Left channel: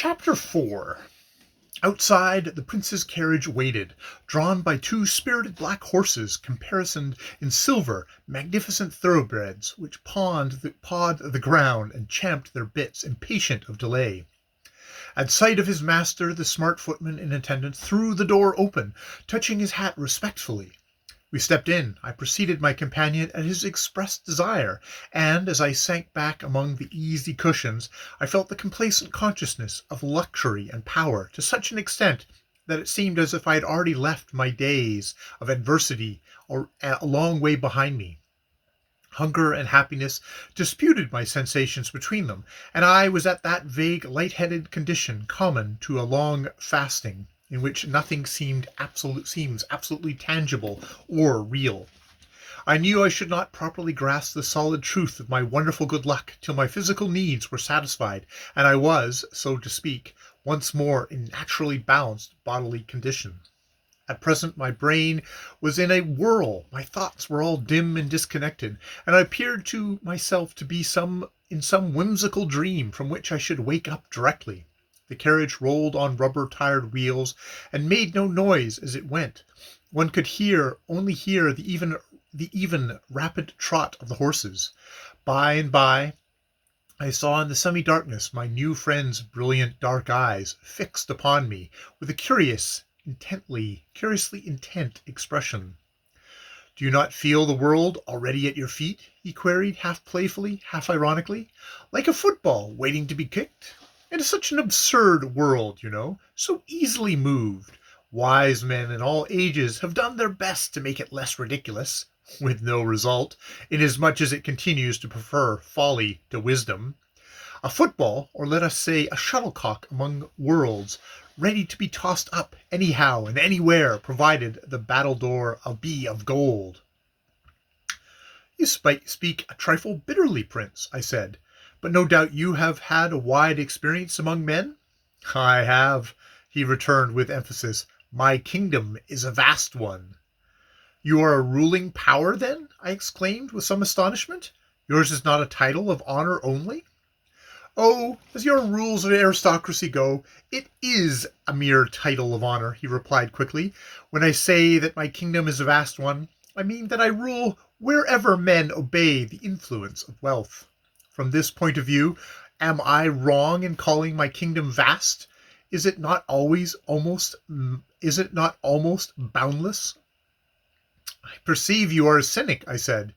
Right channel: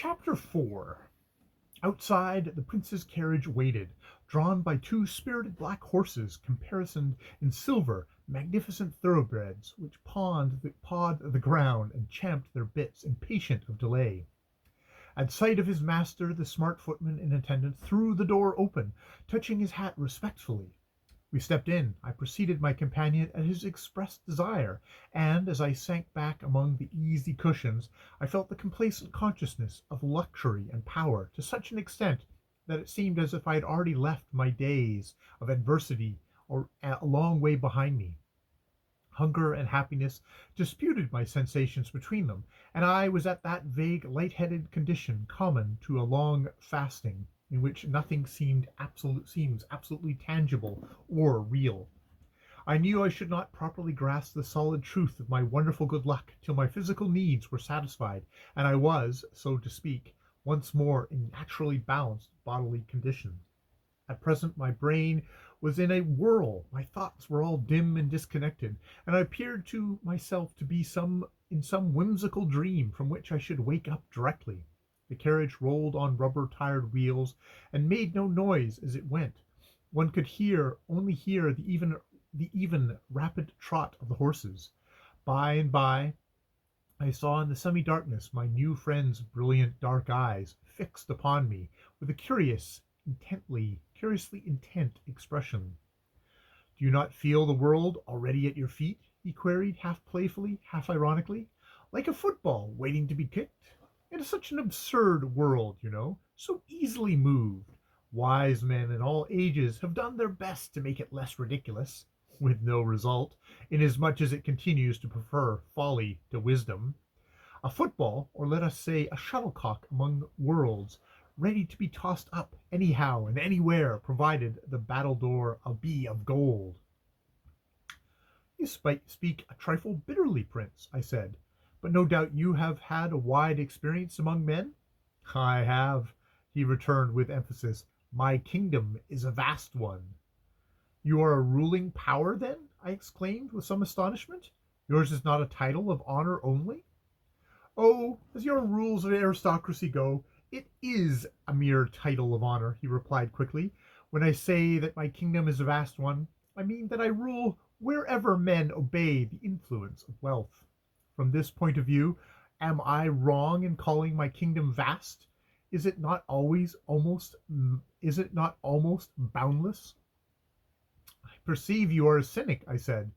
Chapter 4. Outside, the prince's carriage waited, drawn by two spirited black horses caparisoned in silver, magnificent thoroughbreds, which pawed the ground and champed their bits, impatient of delay. At sight of his master, the smart footman in attendance threw the door open, touching his hat respectfully. We stepped in. I preceded my companion at his expressed desire, and as I sank back among the easy cushions, I felt the complacent consciousness of luxury and power to such an extent that it seemed as if I had already left my days of adversity a long way behind me. Hunger and happiness disputed my sensations between them, and I was at that vague light-headed condition common to a long fasting, in which nothing seems absolutely tangible or real. I knew I should not properly grasp the solid truth of my wonderful good luck till my physical needs were satisfied, and I was, so to speak, once more in naturally balanced bodily condition. At present my brain was in a whirl, my thoughts were all dim and disconnected, and I appeared to myself to be in some whimsical dream from which I should wake up directly. The carriage rolled on rubber-tired wheels and made no noise as it went. One could only hear the even, rapid trot of the horses. By and by, I saw in the semi-darkness my new friend's brilliant dark eyes fixed upon me with a curiously intent expression. "Do you not feel the world already at your feet?" he queried, half playfully, half ironically. "Like a football waiting to be kicked? It is such an absurd world, so easily moved. Wise men in all ages have done their best to make it less ridiculous, with no result, inasmuch as it continues to prefer folly to wisdom. A football, or let us say a shuttlecock among worlds, ready to be tossed up anyhow and anywhere, provided the battledore be of gold." "You speak a trifle bitterly, Prince," I said, "but no doubt you have had a wide experience among men?" "I have," he returned with emphasis. "My kingdom is a vast one." "You are a ruling power, then?" I exclaimed with some astonishment. "Yours is not a title of honor only?" "Oh, as your rules of aristocracy go, it is a mere title of honor," he replied quickly. "When I say that my kingdom is a vast one, I mean that I rule wherever men obey the influence of wealth. From this point of view, am I wrong in calling my kingdom vast? Is it not almost boundless?" "I perceive you are a cynic," I said.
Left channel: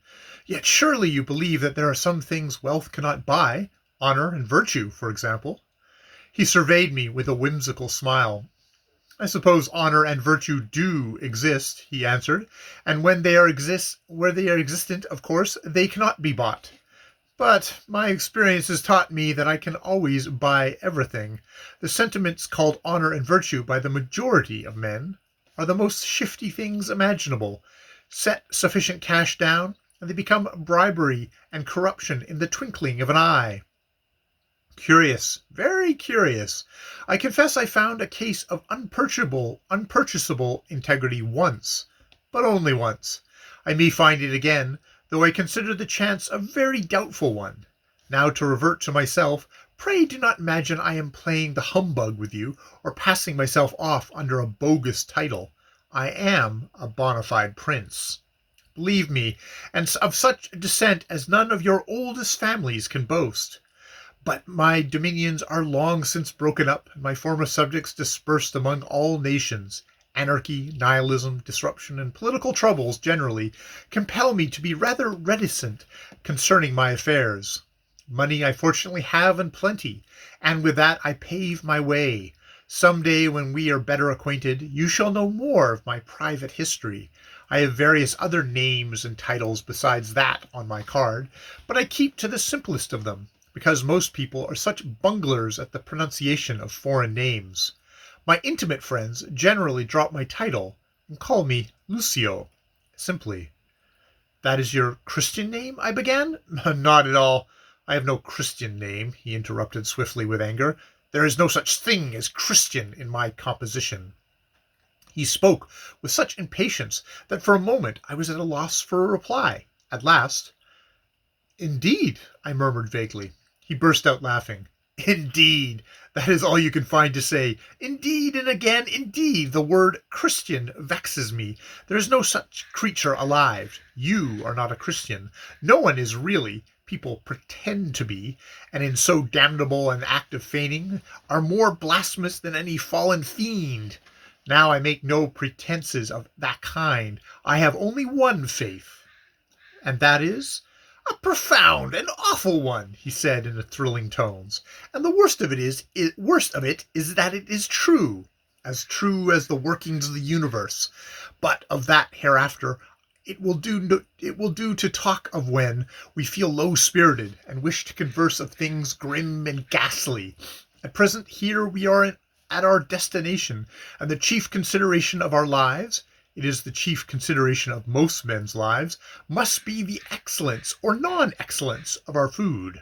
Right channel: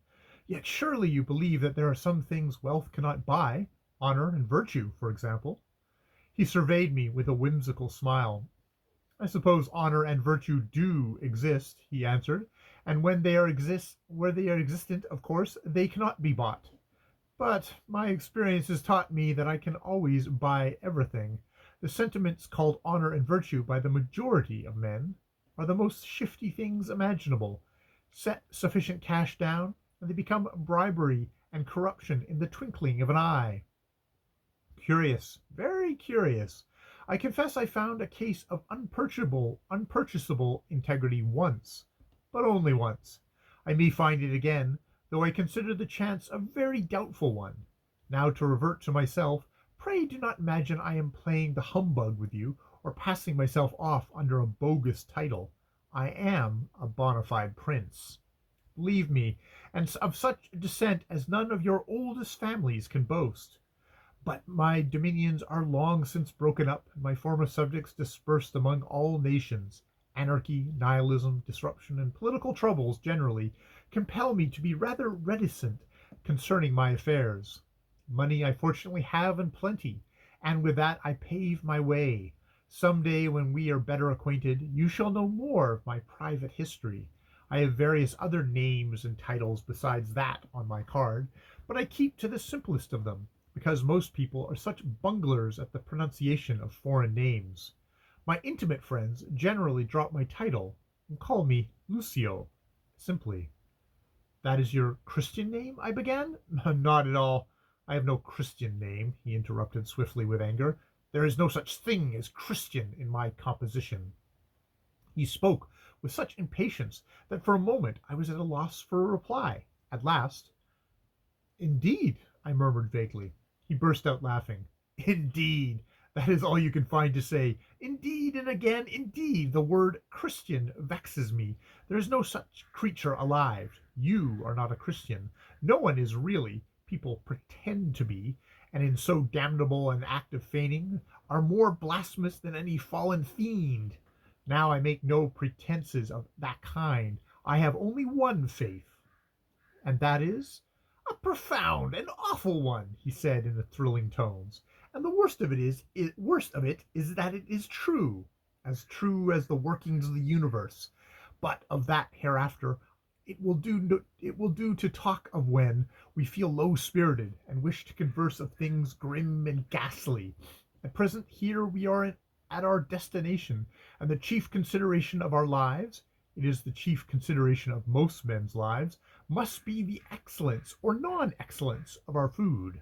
"Yet surely you believe that there are some things wealth cannot buy. Honor and virtue, for example." He surveyed me with a whimsical smile. "I suppose honor and virtue do exist," he answered, "and where they are existent, of course, they cannot be bought. But my experience has taught me that I can always buy everything. The sentiments called honor and virtue by the majority of men are the most shifty things imaginable. Set sufficient cash down, and they become bribery and corruption in the twinkling of an eye. Curious, very curious. I confess I found a case of unpurchasable integrity once, but only once. I may find it again, though I consider the chance a very doubtful one. Now to revert to myself, pray do not imagine I am playing the humbug with you, or passing myself off under a bogus title. I am a bona fide prince, believe me, and of such descent as none of your oldest families can boast. But my dominions are long since broken up, and my former subjects dispersed among all nations. Anarchy, nihilism, disruption, and political troubles generally compel me to be rather reticent concerning my affairs. Money I fortunately have in plenty, and with that I pave my way. Some day when we are better acquainted, you shall know more of my private history. I have various other names and titles besides that on my card, but I keep to the simplest of them, because most people are such bunglers at the pronunciation of foreign names. My intimate friends generally drop my title and call me Lucio, simply. "That is your Christian name?" I began. "Not at all. I have no Christian name," he interrupted swiftly with anger. "There is no such thing as Christian in my composition." He spoke with such impatience that for a moment I was at a loss for a reply. At last, "Indeed," I murmured vaguely. He burst out laughing. Indeed, that is all you can find to say. Indeed, and again, indeed, the word Christian vexes me. There is no such creature alive. You are not a Christian. No one is really. People pretend to be, and in so damnable an act of feigning, are more blasphemous than any fallen fiend. Now I make no pretenses of that kind. I have only one faith. And that is? A profound and awful one, he said in thrilling tones. And the worst of it is that it is true as the workings of the universe. But of that hereafter it will do to talk of when we feel low spirited and wish to converse of things grim and ghastly. At present here we are at our destination, and the chief consideration of our lives, it is the chief consideration of most men's lives, must be the excellence or non-excellence of our food.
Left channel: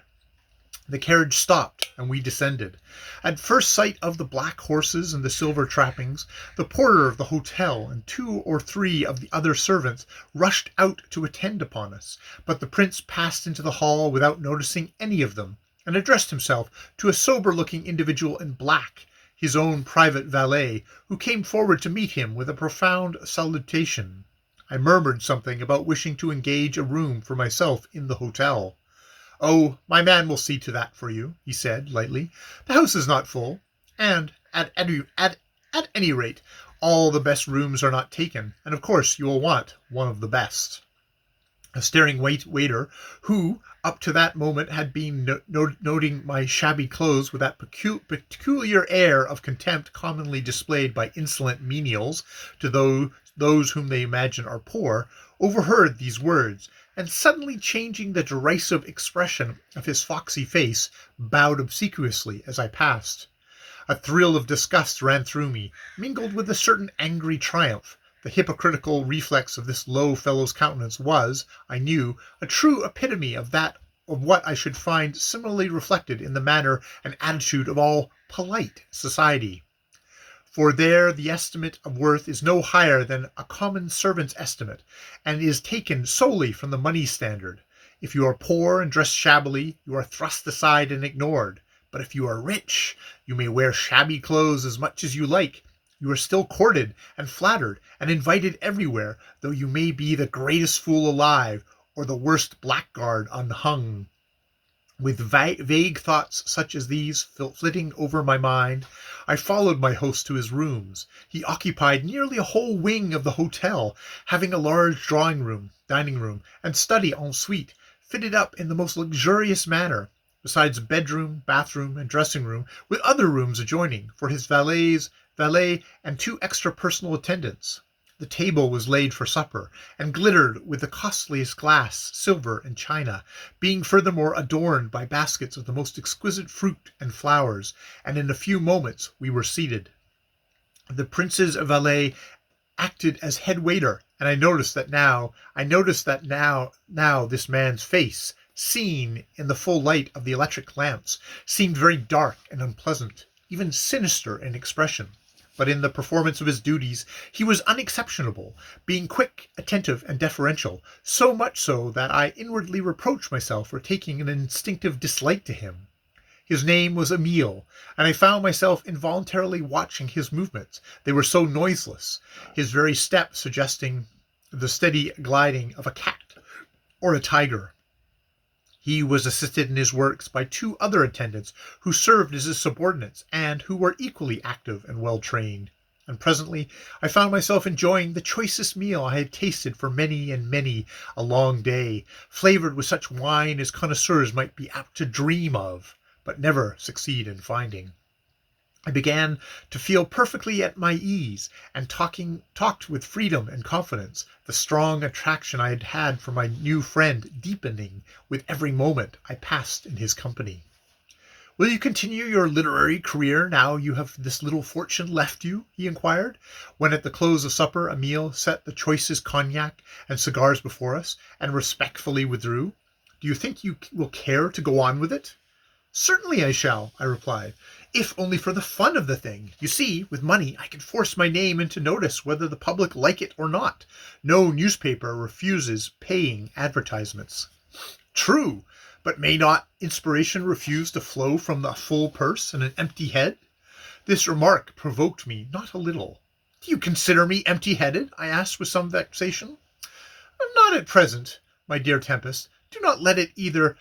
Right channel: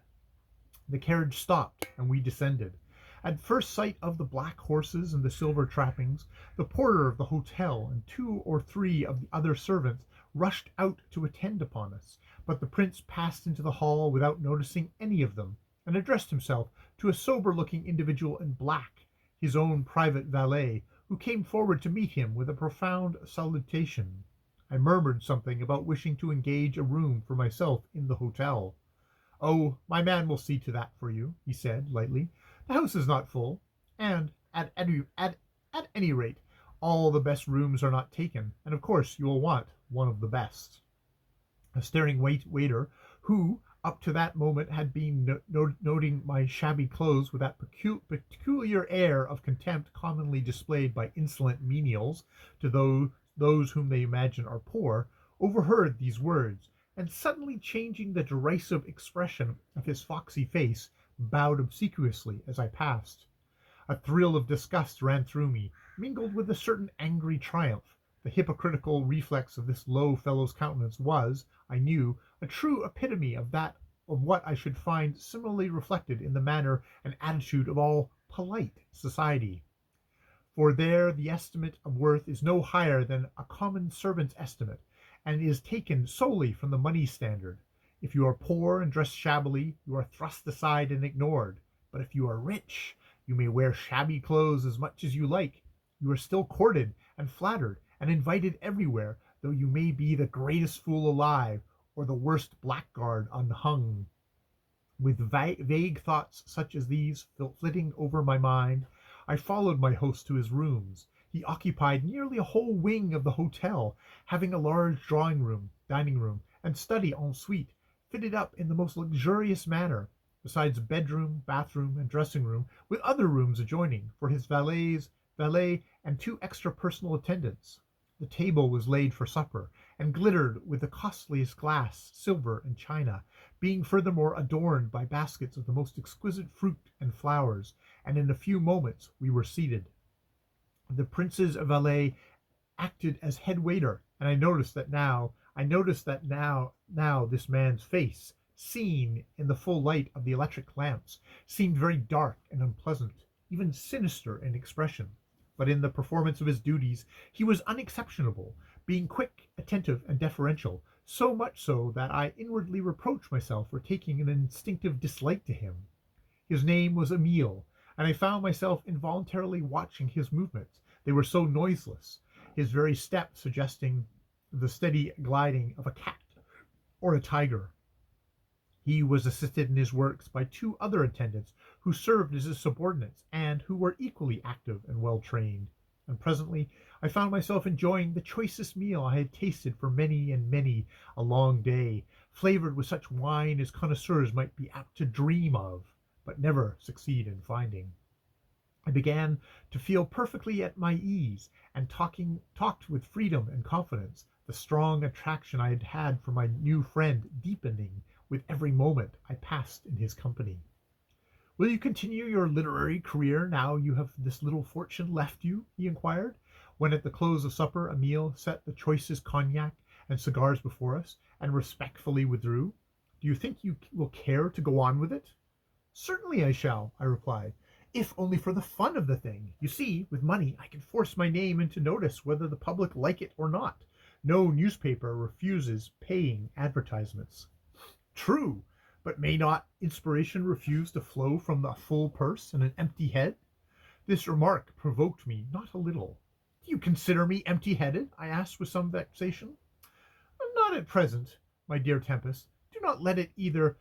The carriage stopped, and we descended. At first sight of the black horses and the silver trappings, the porter of the hotel and 2 or 3 of the other servants rushed out to attend upon us, but the prince passed into the hall without noticing any of them, and addressed himself to a sober-looking individual in black, his own private valet, who came forward to meet him with a profound salutation. I murmured something about wishing to engage a room for myself in the hotel. "Oh, my man will see to that for you," he said lightly. "The house is not full, and at any rate, all the best rooms are not taken, and of course you will want one of the best." A staring waiter, who up to that moment had been noting my shabby clothes with that peculiar air of contempt commonly displayed by insolent menials to those whom they imagine are poor, overheard these words, and suddenly changing the derisive expression of his foxy face, bowed obsequiously as I passed. A thrill of disgust ran through me, mingled with a certain angry triumph. The hypocritical reflex of this low fellow's countenance was, I knew, a true epitome of what I should find similarly reflected in the manner and attitude of all polite society. For there the estimate of worth is no higher than a common servant's estimate, and is taken solely from the money standard. If you are poor and dress shabbily, you are thrust aside and ignored. But if you are rich, you may wear shabby clothes as much as you like. You are still courted and flattered and invited everywhere, though you may be the greatest fool alive, or the worst blackguard unhung. With vague thoughts such as these flitting over my mind, I followed my host to his rooms. He occupied nearly a whole wing of the hotel, having a large drawing room, dining room, and study en suite, fitted up in the most luxurious manner, besides a bedroom, bathroom, and dressing room, with other rooms adjoining, for his valet, and 2 extra personal attendants. The table was laid for supper, and glittered with the costliest glass, silver, and china, being furthermore adorned by baskets of the most exquisite fruit and flowers, and in a few moments we were seated. The prince's valet acted as head waiter, and I noticed that now this man's face, seen in the full light of the electric lamps, seemed very dark and unpleasant, even sinister in expression. But in the performance of his duties he was unexceptionable, being quick, attentive, and deferential, so much so that I inwardly reproached myself for taking an instinctive dislike to him. His name was Emile, and I found myself involuntarily watching his movements. They were so noiseless, his very step suggesting the steady gliding of a cat or a tiger. He was assisted in his works by 2 other attendants who served as his subordinates and who were equally active and well trained. And presently I found myself enjoying the choicest meal I had tasted for many and many a long day, flavored with such wine as connoisseurs might be apt to dream of, but never succeed in finding. I began to feel perfectly at my ease, and talked with freedom and confidence, the strong attraction I had had for my new friend deepening with every moment I passed in his company. "Will you continue your literary career now you have this little fortune left you?" he inquired, when at the close of supper Emile set the choicest cognac and cigars before us, and respectfully withdrew. "Do you think you will care to go on with it?" "Certainly I shall," I replied, "if only for the fun of the thing. You see, with money I can force my name into notice whether the public like it or not. No newspaper refuses paying advertisements." "True, But may not inspiration refuse to flow from the full purse and an empty head? This remark provoked me not a little. Do you consider me empty-headed? I asked with some vexation. Not at present, my dear Tempest. Do not let either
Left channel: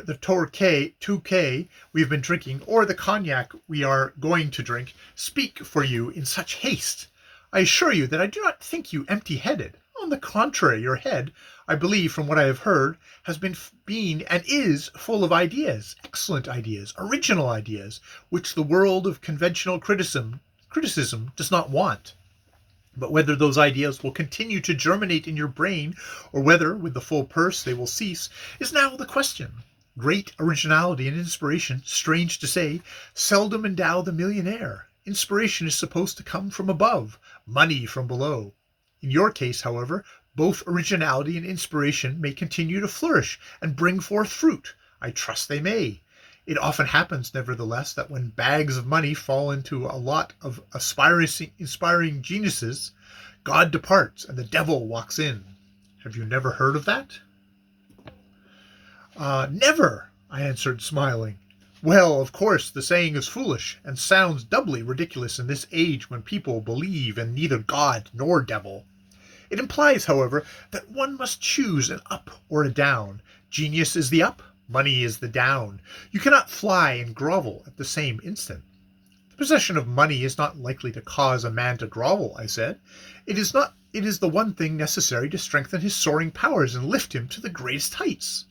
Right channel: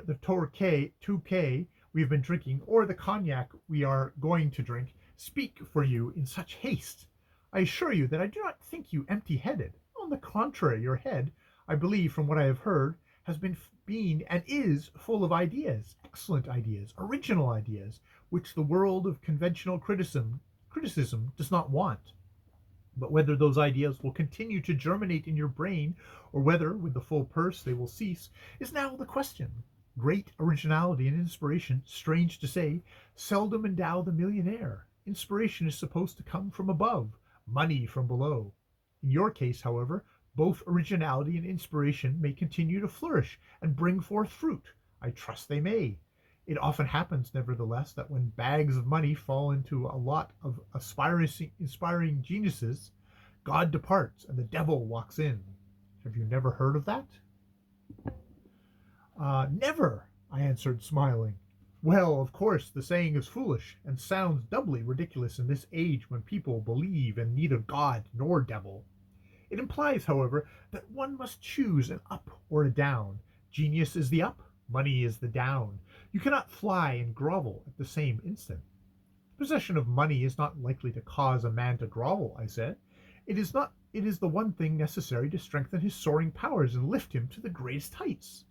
the Torquay we have been drinking or the cognac we are going to drink speak for you in such haste. I assure you that I do not think you empty-headed. On the contrary, your head, I believe from what I have heard, has been and is full of ideas, excellent ideas, original ideas, which the world of conventional criticism does not want. But whether those ideas will continue to germinate in your brain, or whether, with the full purse, they will cease, is now the question. Great originality and inspiration, strange to say, seldom endow the millionaire. Inspiration is supposed to come from above, money from below. In your case, however, both originality and inspiration may continue to flourish and bring forth fruit. I trust they may. It often happens, nevertheless, that when bags of money fall into a lot of inspiring geniuses, God departs and the devil walks in. Have you never heard of that? Never, I answered, smiling. Well, of course, the saying is foolish, and sounds doubly ridiculous in this age when people believe in neither God nor devil. It implies, however, that one must choose an up or a down. Genius is the up, money is the down. You cannot fly and grovel at the same instant. The possession of money is not likely to cause a man to grovel, I said. It is the one thing necessary to strengthen his soaring powers and lift him to the greatest heights.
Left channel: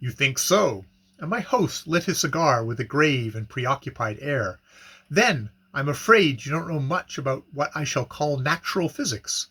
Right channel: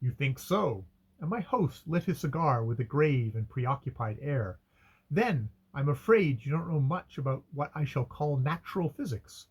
You think so? And my host lit his cigar with a grave and preoccupied air. Then I'm afraid you don't know much about what I shall call natural physics.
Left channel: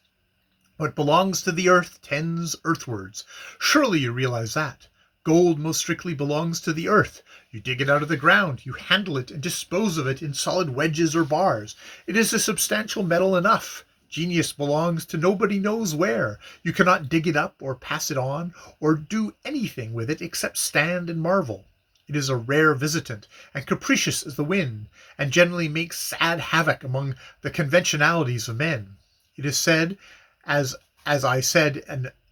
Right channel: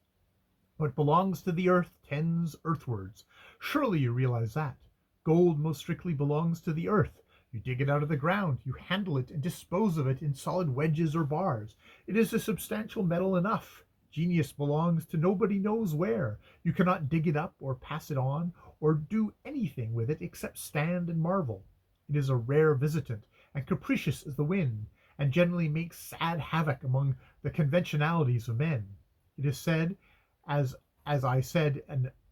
What belongs to the earth tends earthwards. Surely you realize that. Gold most strictly belongs to the earth. You dig it out of the ground, you handle it and dispose of it in solid wedges or bars. It is a substantial metal enough. Genius belongs to nobody knows where. You cannot dig it up or pass it on or do anything with it except stand and marvel. It is a rare visitant and capricious as the wind, and generally makes sad havoc among the conventionalities of men. It is said, as I said,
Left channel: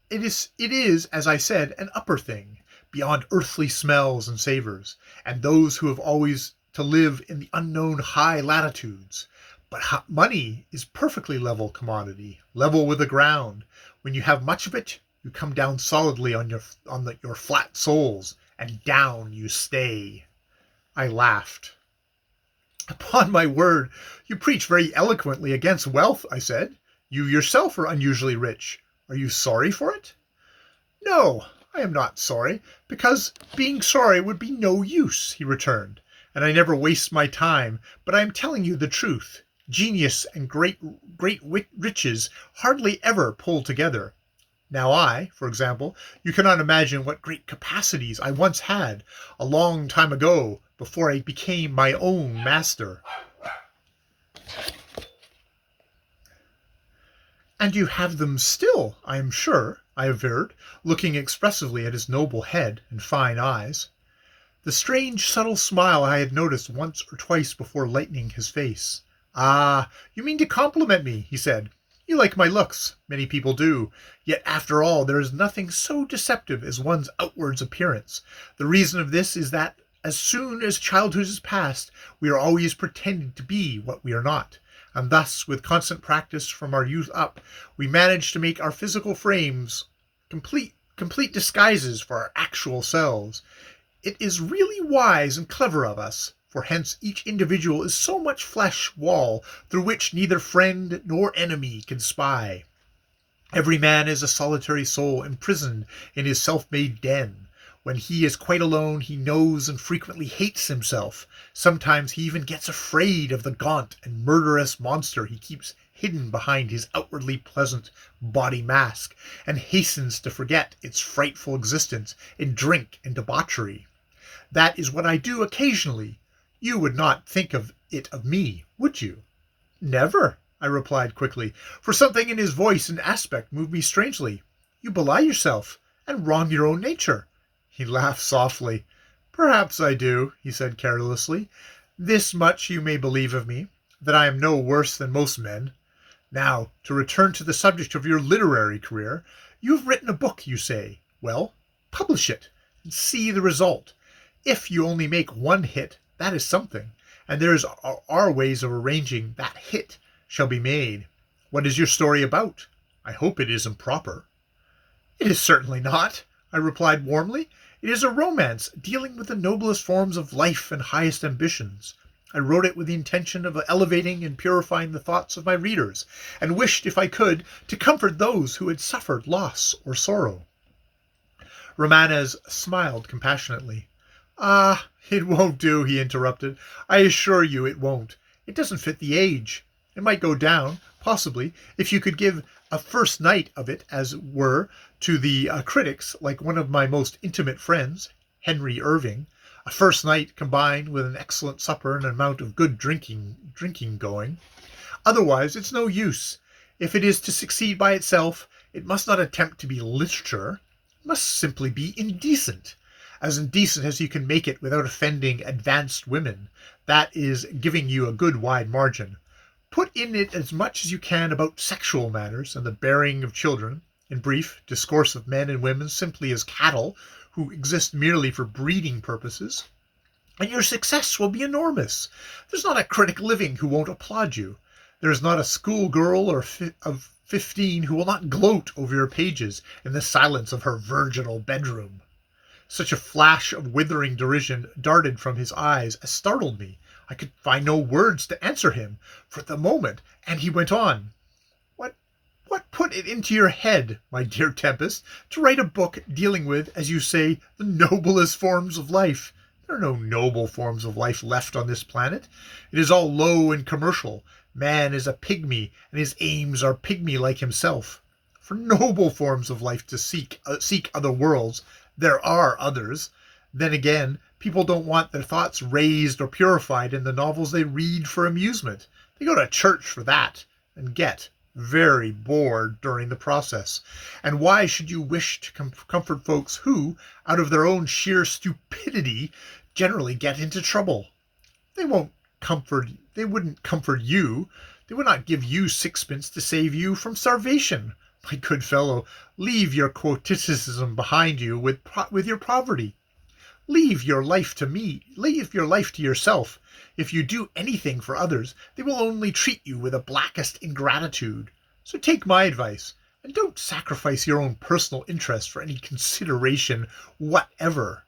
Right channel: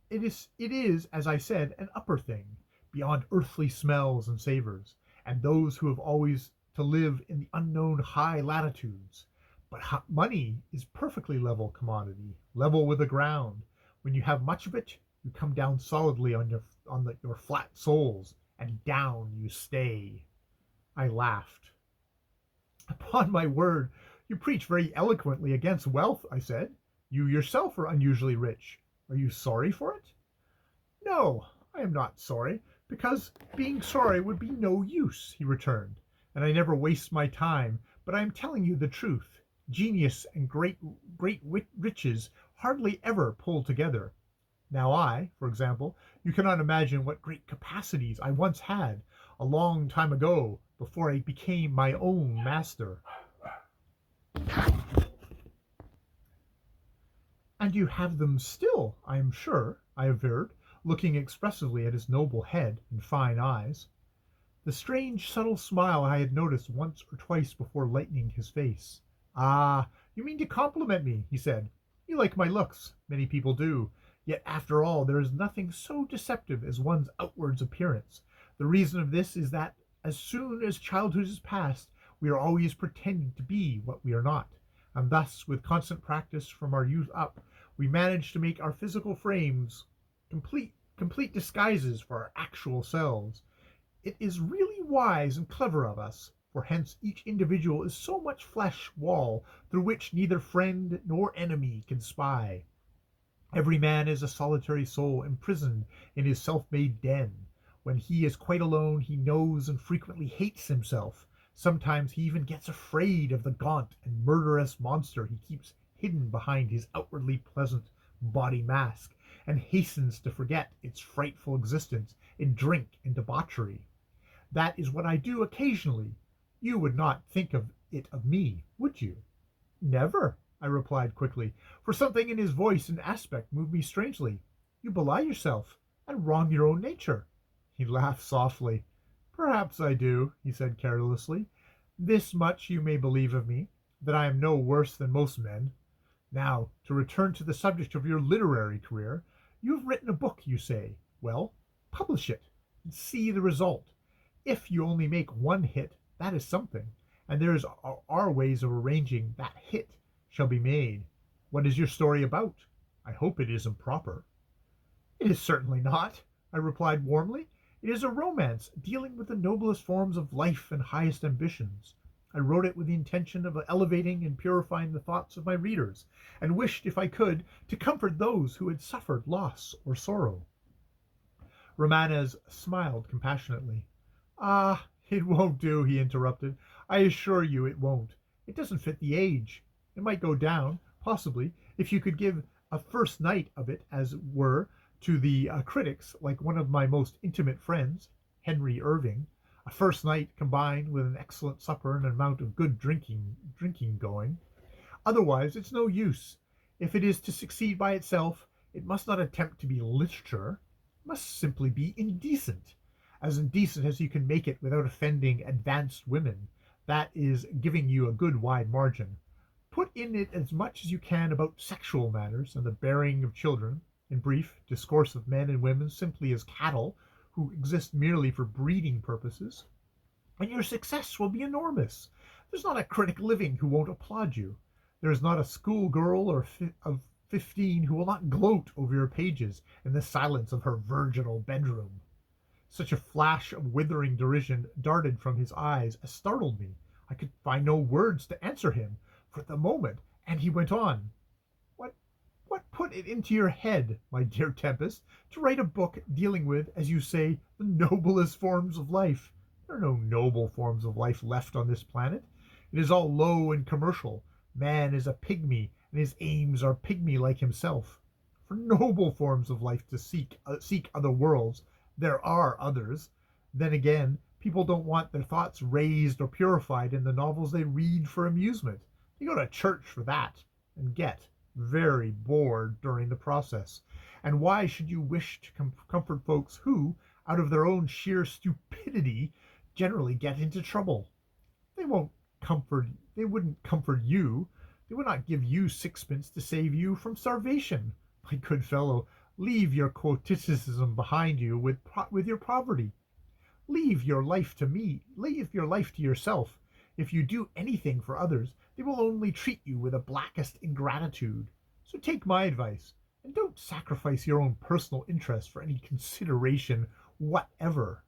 it is, as I said, an upper thing, beyond earthly smells and savors, and those who have always to live in the unknown high latitudes. But money is perfectly level commodity, level with the ground. When you have much of it, you come down solidly on your flat soles, and down you stay. I laughed. Upon my word, you preach very eloquently against wealth, I said. You yourself are unusually rich. Are you sorry for it? No, I am not sorry, because being sorry would be no use, he returned, and I never waste my time, but I am telling you the truth. Genius and great riches hardly ever pull together. Now I, for example, you cannot imagine what great capacities I once had, a long time ago, before I became my own master. And you have them still, I am sure, I averred, looking expressively at his noble head and fine eyes. The strange, subtle smile I had noticed once or twice before lightening his face. Ah, you mean to compliment me, he said. You like my looks. Many people do. Yet, after all, there is nothing so deceptive as one's outward appearance. The reason of this is that, as soon as childhood is past, we are always pretending to be what we are not. And thus, with constant practice from our youth up, we manage to make our physical frames complete disguises for our actual selves. It is really wise and clever of us, for hence each individual is so much flesh wall through which neither friend nor enemy can spy. Every man is a solitary soul imprisoned in his self-made den. When he is quite alone, he knows and frequently hates himself. Sometimes he even gets afraid of the gaunt and murderous monster he keeps hidden behind his outwardly pleasant body mask, and hastens to forget its frightful existence in drink and debauchery. That is what I do occasionally. You would not think of it of me, would you? Never, I replied quickly, for something in his voice and aspect moved me strangely. You belie yourself, and wrong your own nature. He laughed softly. Perhaps I do, he said carelessly. This much you may believe of me, that I am no worse than most men. Now, to return to the subject of your literary career, you have written a book, you say. Well, Publish it and see the result. If you only make one hit, that is something, and there are ways of arranging that hit shall be made. What is your story about? I hope it is improper. It is certainly not, I replied warmly. It is a romance dealing with the noblest forms of life and highest ambitions. I wrote it with the intention of elevating and purifying the thoughts of my readers, and wished, if I could, to comfort those who had suffered loss or sorrow. Romanes smiled compassionately. Ah, it won't do, he interrupted. I assure you it won't. It doesn't fit the age. It might go down, possibly, if you could give a first night of it, as it were, to the critics, like one of my most intimate friends, Henry Irving. A first night combined with an excellent supper and an amount of good drinking going. Otherwise, it's no use. If it is to succeed by itself, it must not attempt to be literature. It must simply be indecent. As indecent as you can make it without offending advanced women. That is giving you a good wide margin. Put in it as much as you can about sexual matters and the bearing of children. In brief, discourse of men and women simply as cattle who exist merely for breeding purposes, and your success will be enormous. There's not a critic living who won't applaud you. There is not a schoolgirl of 15 who will not gloat over your pages in the silence of her virginal bedroom. Such a flash of withering derision darted from his eyes as startled me. I could find no words to answer him for the moment, and he went on. What put it into your head, my dear Tempest, to write a book dealing with, as you say, the noblest forms of life? There are no noble forms of life left on this planet. It is all low and commercial. Man is a pygmy, and his aims are pygmy like himself. For noble forms of life to seek other worlds, there are others. Then again, people don't want their thoughts raised or purified in the novels they read for amusement. They go to church for that, and get very bored during the process. And why should you wish to comfort folks who, out of their own sheer stupidity, generally get into trouble? They wouldn't comfort you. They would not give you sixpence to save you from starvation. My good fellow, leave your quoticism behind you with your poverty. Leave your life to me. Leave your life to yourself. If you do anything for others, they will only treat you with the blackest ingratitude. So take my advice, and don't sacrifice your own personal interest for any consideration whatever.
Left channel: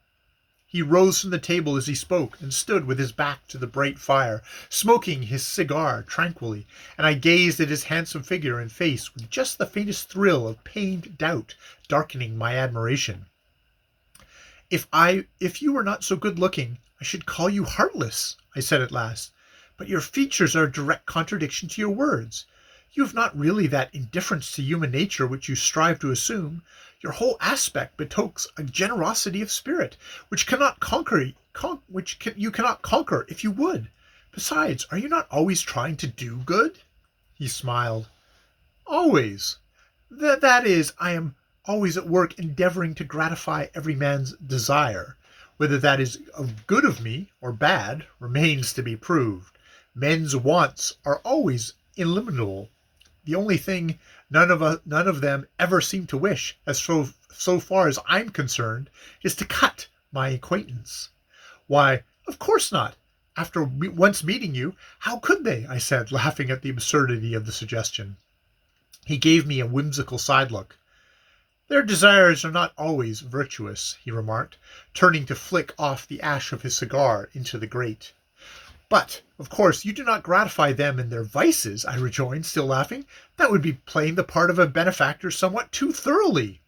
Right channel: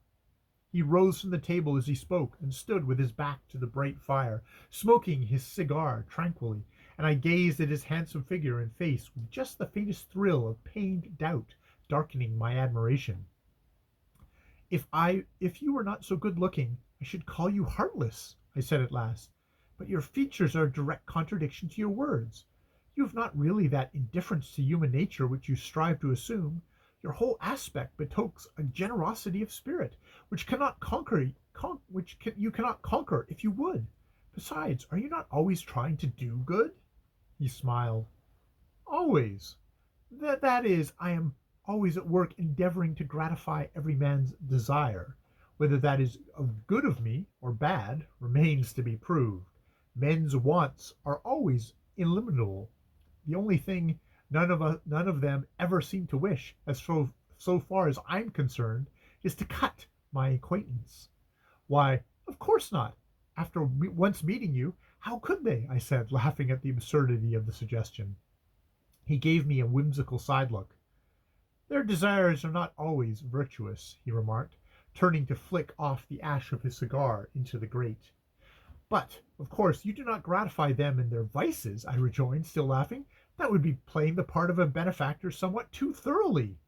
He rose from the table as he spoke, and stood with his back to the bright fire, smoking his cigar tranquilly, and I gazed at his handsome figure and face with just the faintest thrill of pained doubt darkening my admiration. If you were not so good-looking, I should call you heartless, I said at last. But your features are a direct contradiction to your words. You have not really that indifference to human nature which you strive to assume. Your whole aspect betokens a generosity of spirit which you cannot conquer if you would. Besides, are you not always trying to do good? He smiled. Always. That is, I am always at work endeavoring to gratify every man's desire. Whether that is good of me or bad remains to be proved. Men's wants are always illimitable. The only thing none of them ever seem to wish, as so far as I'm concerned, is to cut my acquaintance. Why, of course not. After once meeting you, how could they? I said, laughing at the absurdity of the suggestion. He gave me a whimsical side look. Their desires are not always virtuous, he remarked, turning to flick off the ash of his cigar into the grate. But, of course, you do not gratify them in their vices, I rejoined, still laughing. That would be playing the part of a benefactor somewhat too thoroughly.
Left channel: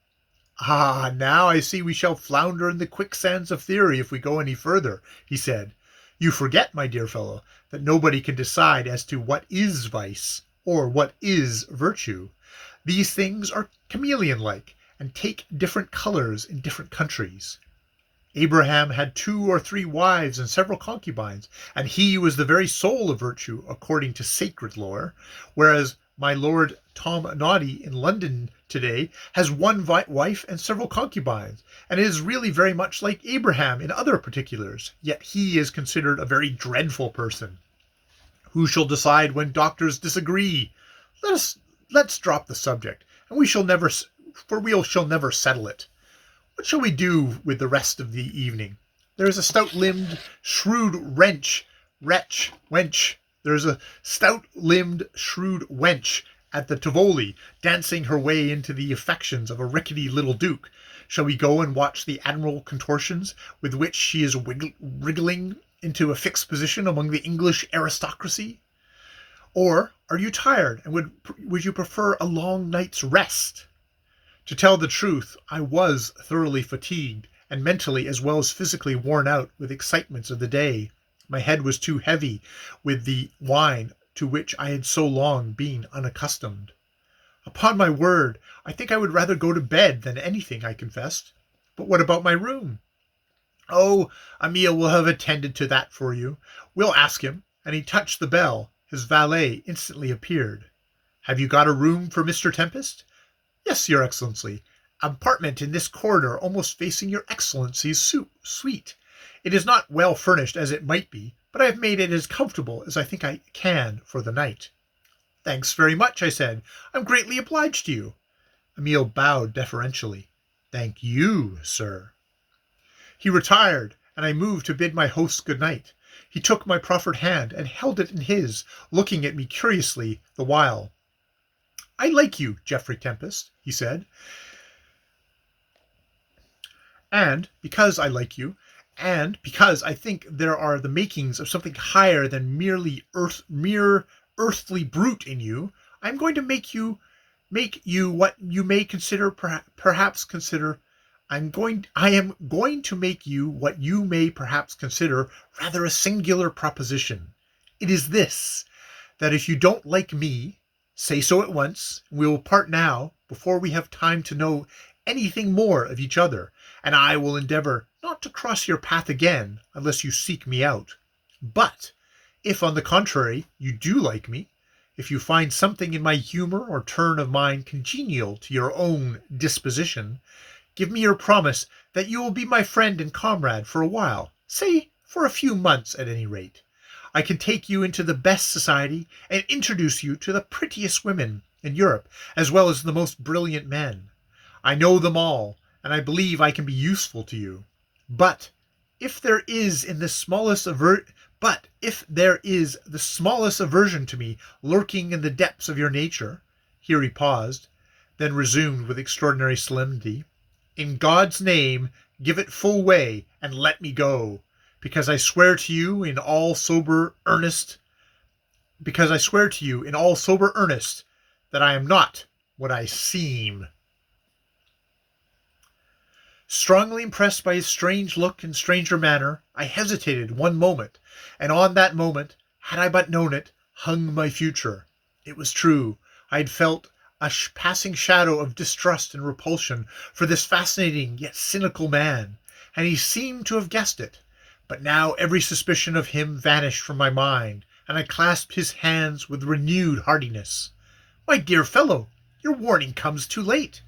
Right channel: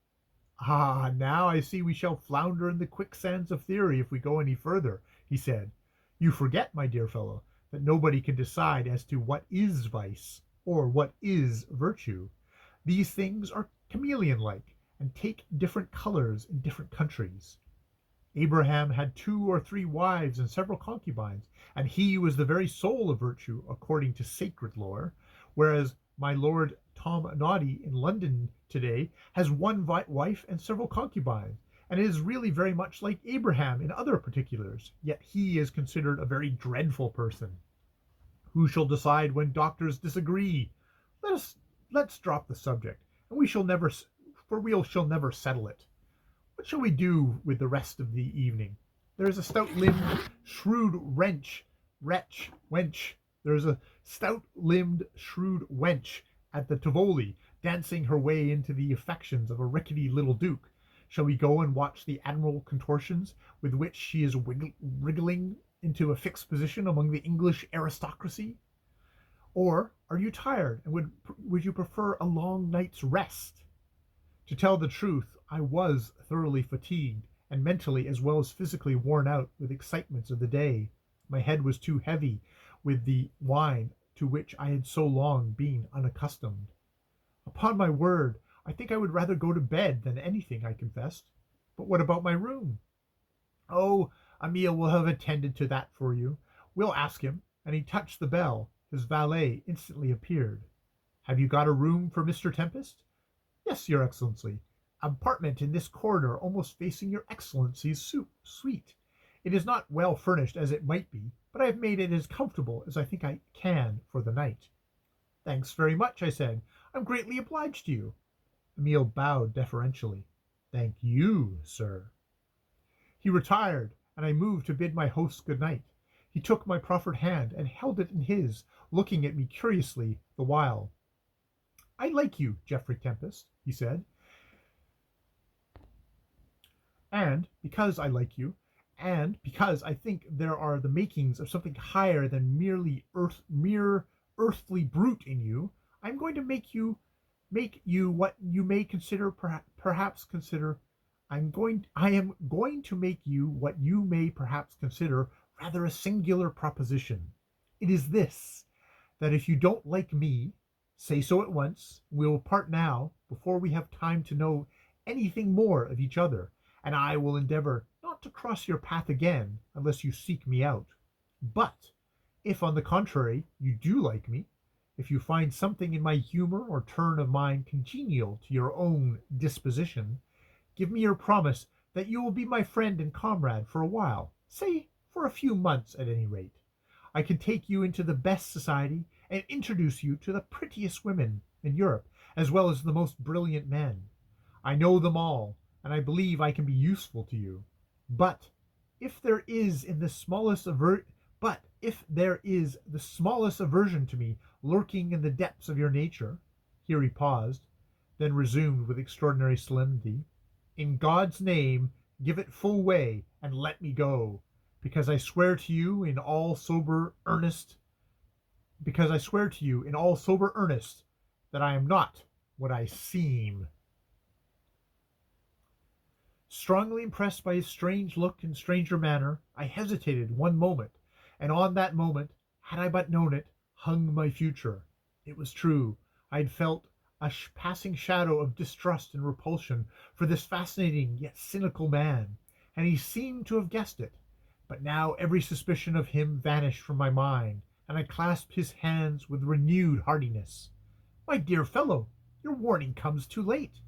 Ah, now I see we shall flounder in the quicksands of theory if we go any further, he said. You forget, my dear fellow, that nobody can decide as to what is vice, or what is virtue. These things are chameleon-like, and take different colors in different countries. Abraham had 2 or 3 wives and several concubines, and he was the very soul of virtue, according to sacred lore, whereas my Lord Tom Noddy in London today has 1 wife and several concubines, and is really very much like Abraham in other particulars, yet he is considered a very dreadful person. Who shall decide when doctors disagree? Let's drop the subject, and we shall never settle it. What shall we do with the rest of the evening? There is a stout-limbed, shrewd wench. There is a stout-limbed, shrewd wench at the Tivoli, dancing her way into the affections of a rickety little duke. Shall we go and watch the admirable contortions with which she is wriggling into a fixed position among the English aristocracy? Or are you tired, and would you prefer a long night's rest? To tell the truth, I was thoroughly fatigued, and mentally as well as physically worn out with excitements of the day. My head was too heavy with the wine to which I had so long been unaccustomed. Upon my word, I think I would rather go to bed than anything, I confessed. But what about my room? Oh, Emile will have attended to that for you. We'll ask him. And he touched the bell. His valet instantly appeared. Have you got a room for Mr. Tempest? Yes, Your Excellency. Apartment in this corridor almost facing Your Excellency's suite. It is not well furnished as it might be, but I have made it as comfortable as I think I can for the night. Thanks very much, I said. I'm greatly obliged to you. Emile bowed deferentially. Thank you, sir. He retired, and I moved to bid my host good night. He took my proffered hand and held it in his, looking at me curiously the while. I like you, Geoffrey Tempest, he said. And because I like you, and because I think there are the makings of something higher than mere earthly brute in you, I'm going to make you what you may consider perhaps consider I am going to make you what you may perhaps consider rather a singular proposition. It is this, that if you don't like me, say so at once, and we will part now before we have time to know anything more of each other, and I will endeavor not to cross your path again unless you seek me out. But if, on the contrary, you do like me, if you find something in my humor or turn of mind congenial to your own disposition, give me your promise that you will be my friend and comrade for a while, say for a few months at any rate. I can take you into the best society and introduce you to the prettiest women in Europe, as well as the most brilliant men. I know them all, and I believe I can be useful to you. But if there is the smallest aversion to me lurking in the depths of your nature, here he paused, then resumed with extraordinary solemnity, in God's name, give it full way and let me go, because I swear to you in all sober earnest that I am not what I seem. Strongly impressed by his strange look and stranger manner, I hesitated one moment, and on that moment, had I but known it, hung my future. It was true, I had felt a passing shadow of distrust and repulsion for this fascinating yet cynical man, and he seemed to have guessed it. But now every suspicion of him vanished from my mind, and I clasped his hands with renewed heartiness. My dear fellow, your warning comes too late,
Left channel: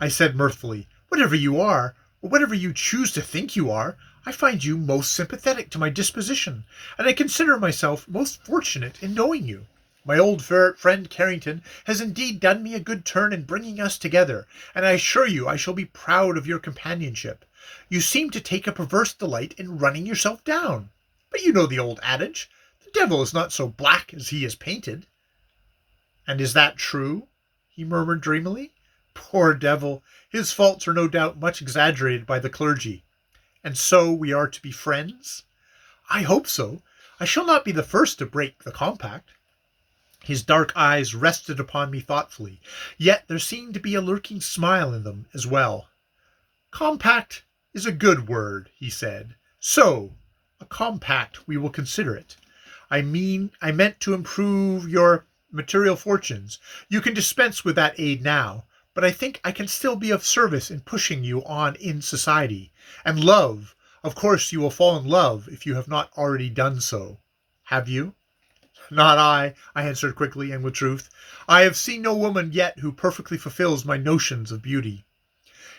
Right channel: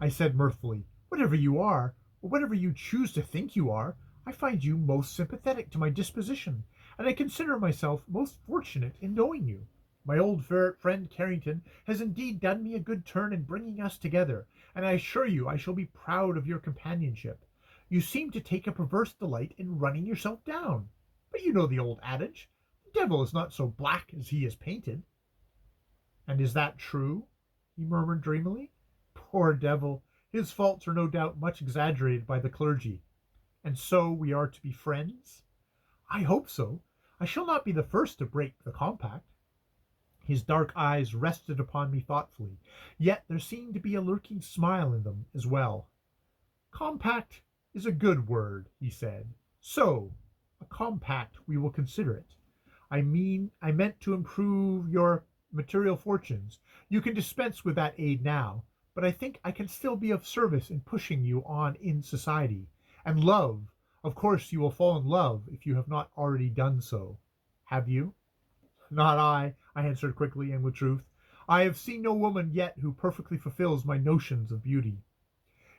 I said mirthfully. Whatever you are, or whatever you choose to think you are, I find you most sympathetic to my disposition, and I consider myself most fortunate in knowing you. My old friend Carrington has indeed done me a good turn in bringing us together, and I assure you I shall be proud of your companionship. You seem to take a perverse delight in running yourself down. But you know the old adage, the devil is not so black as he is painted. And is that true? He murmured dreamily. Poor devil, his faults are no doubt much exaggerated by the clergy. And so we are to be friends? I hope so. I shall not be the first to break the compact. His dark eyes rested upon me thoughtfully, yet there seemed to be a lurking smile in them as well. Compact is a good word, he said. So, a compact we will consider it. I meant to improve your material fortunes. You can dispense with that aid now, but I think I can still be of service in pushing you on in society. And love, of course you will fall in love if you have not already done so. Have you? Not I answered quickly and with truth. I have seen no woman yet who perfectly fulfills my notions of beauty.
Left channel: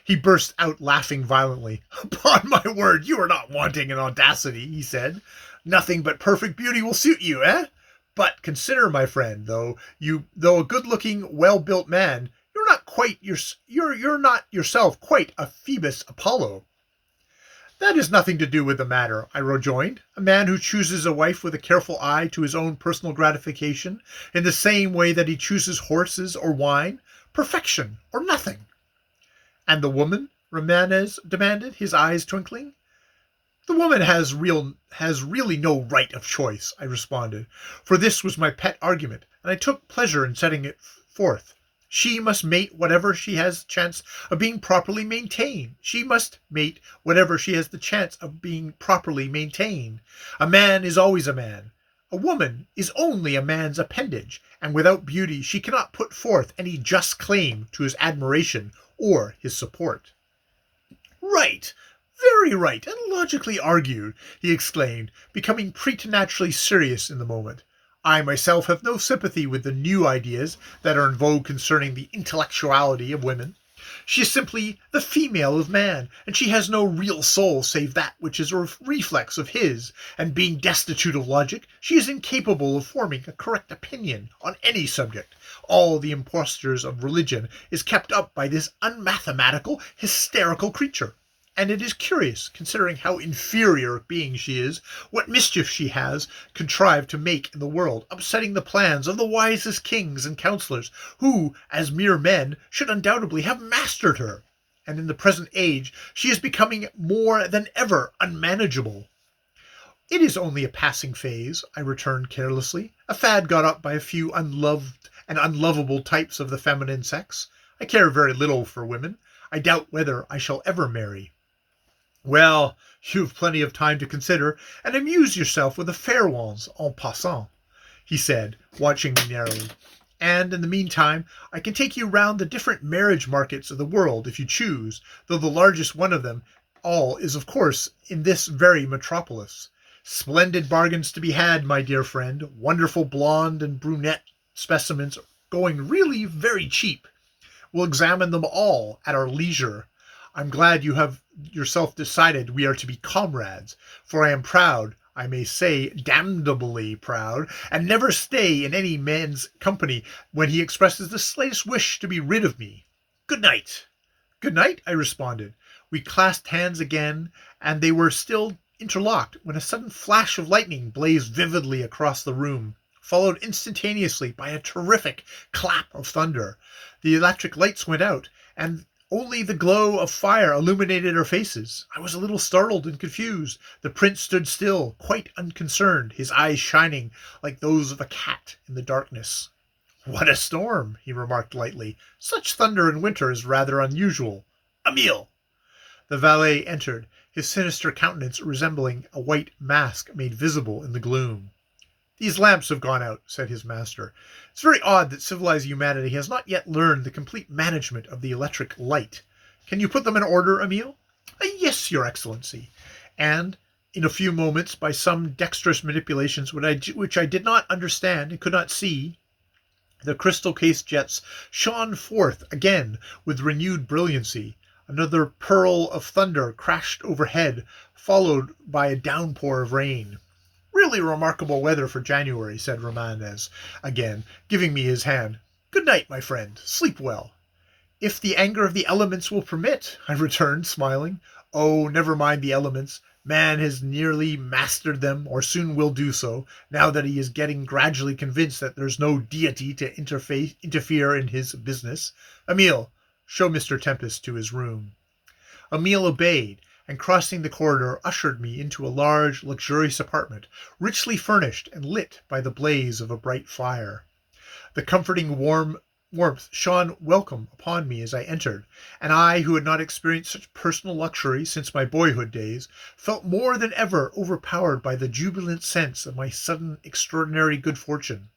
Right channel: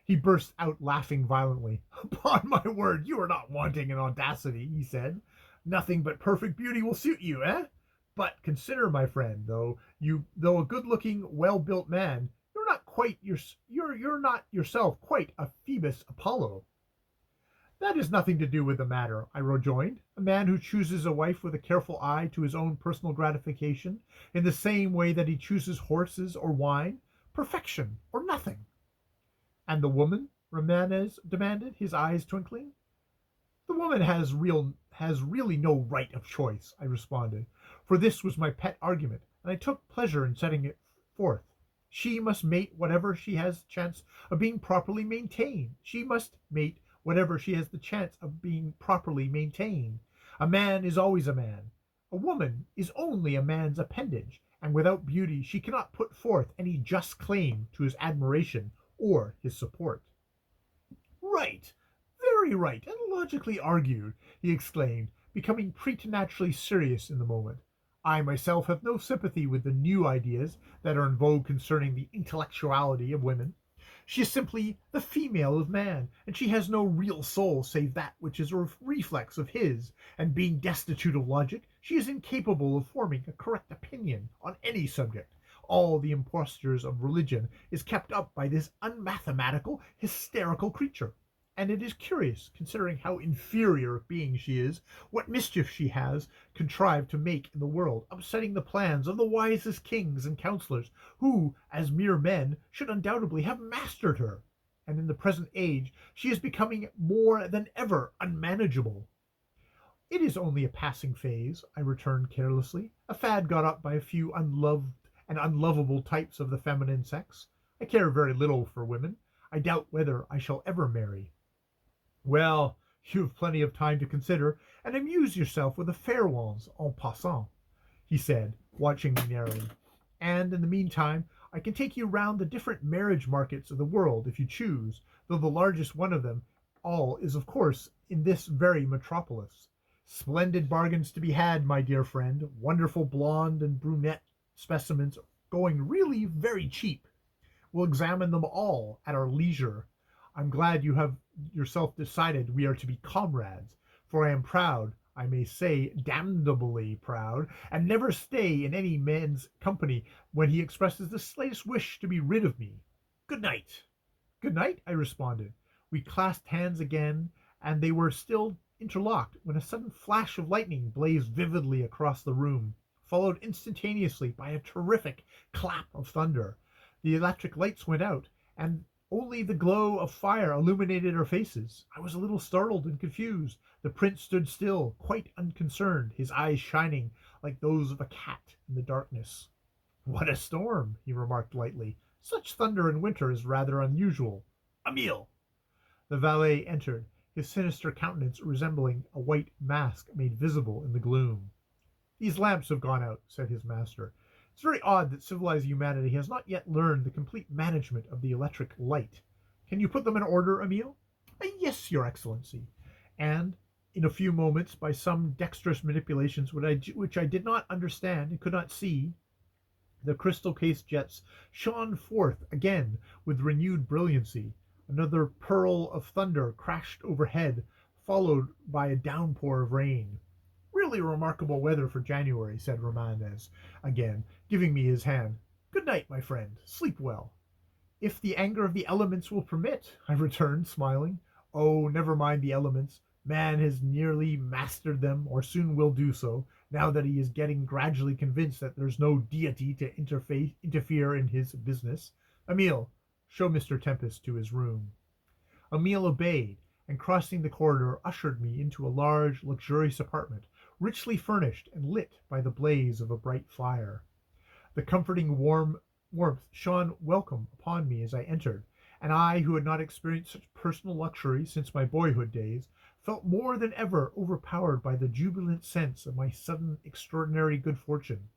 He burst out laughing violently. Upon my word, you are not wanting in audacity, he said. Nothing but perfect beauty will suit you, eh? But consider, my friend, though a good-looking, well-built man, you're not you're not yourself quite a Phoebus Apollo." "That has nothing to do with the matter," I rejoined. "A man who chooses a wife with a careful eye to his own personal gratification, in the same way that he chooses horses or wine, perfection or nothing." "And the woman?" Romanes demanded, his eyes twinkling. "The woman has really no right of choice," I responded, for this was my pet argument, and I took pleasure in setting it forth. "She must mate whatever she has the chance of being properly maintained. A man is always a man. A woman is only a man's appendage, and without beauty she cannot put forth any just claim to his admiration or his support." "Right, very right, and logically argued," he exclaimed, becoming preternaturally serious in the moment. "I myself have no sympathy with the new ideas that are in vogue concerning the intellectuality of women. She is simply the female of man, and she has no real soul save that which is a reflex of his, and being destitute of logic, she is incapable of forming a correct opinion on any subject. All the impostures of religion is kept up by this unmathematical, hysterical creature. And it is curious, considering how inferior a being she is, what mischief she has contrived to make in the world, upsetting the plans of the wisest kings and counsellors, who, as mere men, should undoubtedly have mastered her. And in the present age she is becoming more than ever unmanageable." "It is only a passing phase," I returned carelessly, "a fad got up by a few unloved and unlovable types of the feminine sex. I care very little for women. I doubt whether I shall ever marry." "Well, you've plenty of time to consider, and amuse yourself with the fair ones en passant," he said, watching me narrowly. "And in the meantime I can take you round the different marriage markets of the world if you choose, though the largest one of them all is of course in this very metropolis. Splendid bargains to be had, my dear friend, wonderful blonde and brunette specimens going really very cheap. We'll examine them all at our leisure. I'm glad you have yourself decided we are to be comrades, for I am proud, I may say damnably proud, and never stay in any man's company when he expresses the slightest wish to be rid of me. Good night." "Good night," I responded. We clasped hands again, and they were still interlocked when a sudden flash of lightning blazed vividly across the room, followed instantaneously by a terrific clap of thunder. The electric lights went out, and only the glow of fire illuminated our faces. I was a little startled and confused. The prince stood still, quite unconcerned, his eyes shining like those of a cat in the darkness. "What a storm," he remarked lightly. "Such thunder in winter is rather unusual. Emile!" The valet entered, his sinister countenance resembling a white mask made visible in the gloom. "These lamps have gone out," said his master. "It's very odd that civilized humanity has not yet learned the complete management of the electric light. Can you put them in order, Emile?" "Yes, your excellency." And in a few moments, by some dexterous manipulations which I did not understand and could not see, the crystal case jets shone forth again with renewed brilliancy. Another pearl of thunder crashed overhead, followed by a downpour of rain. "Really remarkable weather for January," said Romanes, again giving me his hand. "Good night, my friend. Sleep well." "If the anger of the elements will permit," I returned, smiling. "Oh, never mind the elements. Man has nearly mastered them, or soon will do so, now that he is getting gradually convinced that there's no deity to interfere in his business. Emile, show Mr. Tempest to his room." Emile obeyed, and crossing the corridor ushered me into a large, luxurious apartment, richly furnished and lit by the blaze of a bright fire. The comforting warmth shone welcome upon me as I entered, and I, who had not experienced such personal luxury since my boyhood days, felt more than ever overpowered by the jubilant sense of my sudden extraordinary good fortune.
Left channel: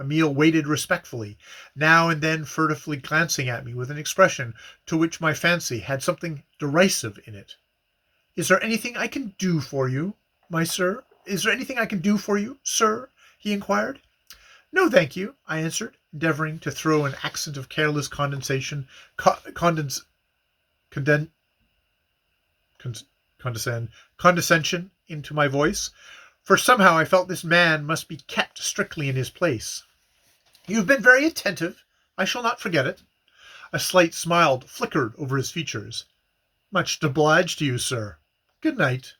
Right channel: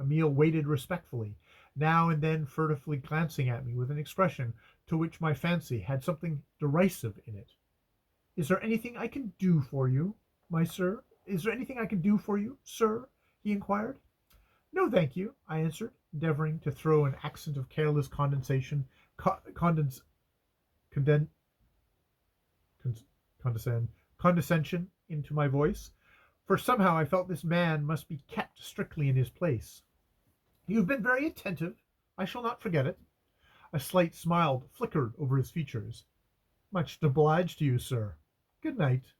Emile waited respectfully, now and then furtively glancing at me with an expression to which my fancy had something derisive in it. "Is there anything I can do for you, sir?" he inquired. "No, thank you," I answered, endeavoring to throw an accent of careless condescension into my voice, for somehow I felt this man must be kept strictly in his place. "You have been very attentive. I shall not forget it." A slight smile flickered over his features. "Much obliged to you, sir. Good night."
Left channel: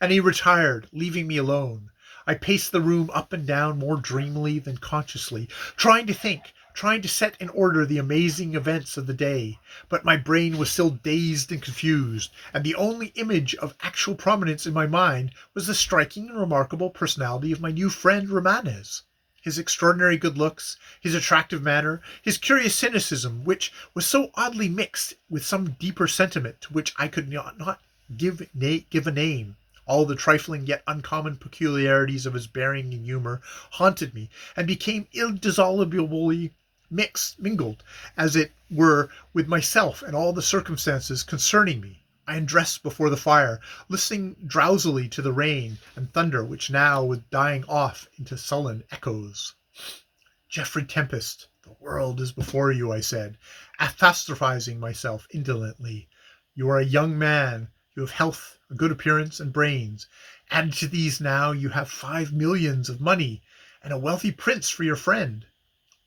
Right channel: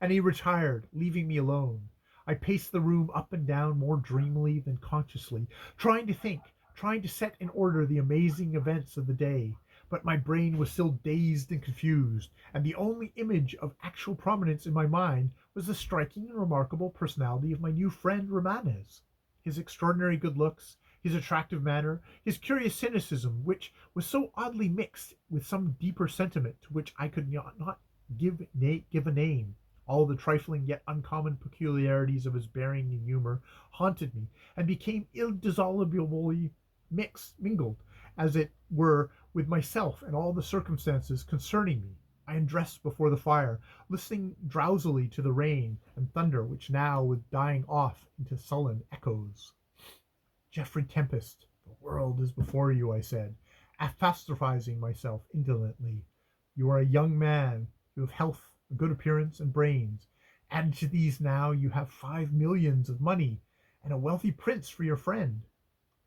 And he retired, leaving me alone. I paced the room up and down more dreamily than consciously, trying to think, trying to set in order the amazing events of the day. But my brain was still dazed and confused, and the only image of actual prominence in my mind was the striking and remarkable personality of my new friend Romanes. His extraordinary good looks, his attractive manner, his curious cynicism, which was so oddly mixed with some deeper sentiment to which I could not give a name. All the trifling yet uncommon peculiarities of his bearing and humor haunted me, and became indissolubly mingled, as it were, with myself and all the circumstances concerning me. I undressed before the fire, listening drowsily to the rain and thunder which now was dying off into sullen echoes. "Geoffrey Tempest, the world is before you," I said, apostrophizing myself indolently. "You are a young man. You have health, a good appearance, and brains. Added to these now you have 5 millions of money, and a wealthy prince for your friend.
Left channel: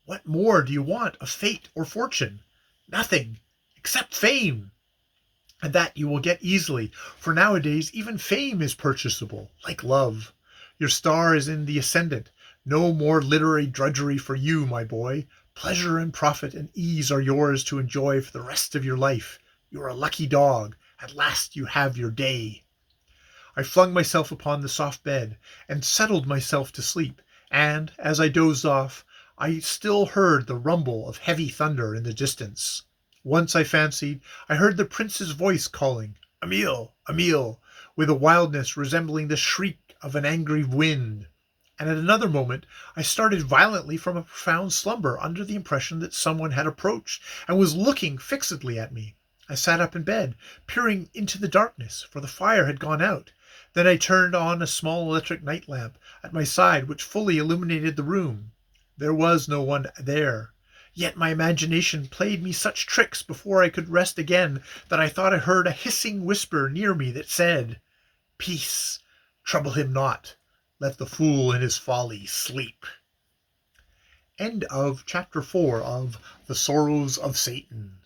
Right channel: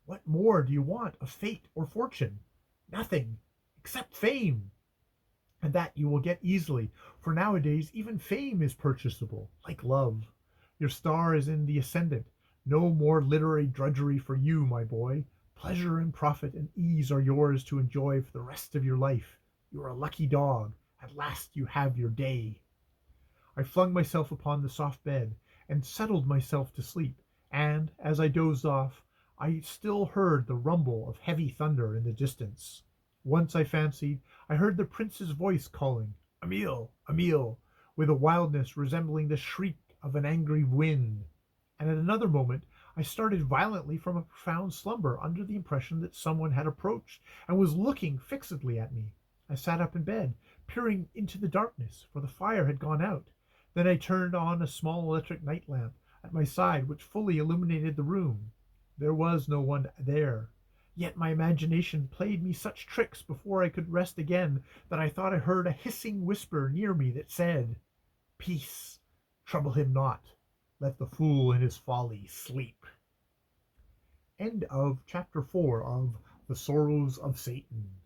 What more do you want of fate or fortune? Nothing, except fame. And that you will get easily, for nowadays even fame is purchasable, like love. Your star is in the ascendant. No more literary drudgery for you, my boy. Pleasure and profit and ease are yours to enjoy for the rest of your life. You are a lucky dog. At last you have your day." I flung myself upon the soft bed, and settled myself to sleep, and, as I dozed off, I still heard the rumble of heavy thunder in the distance. Once I fancied I heard the prince's voice calling, "Emile, Emile," with a wildness resembling the shriek of an angry wind. And at another moment I started violently from a profound slumber under the impression that someone had approached and was looking fixedly at me. I sat up in bed, peering into the darkness, for the fire had gone out. Then I turned on a small electric night lamp at my side which fully illuminated the room. There was no one there. Yet my imagination played me such tricks before I could rest again that I thought I heard a hissing whisper near me that said, "Peace, trouble him not. Let the fool in his folly sleep." End of chapter 4 of The Sorrows of Satan.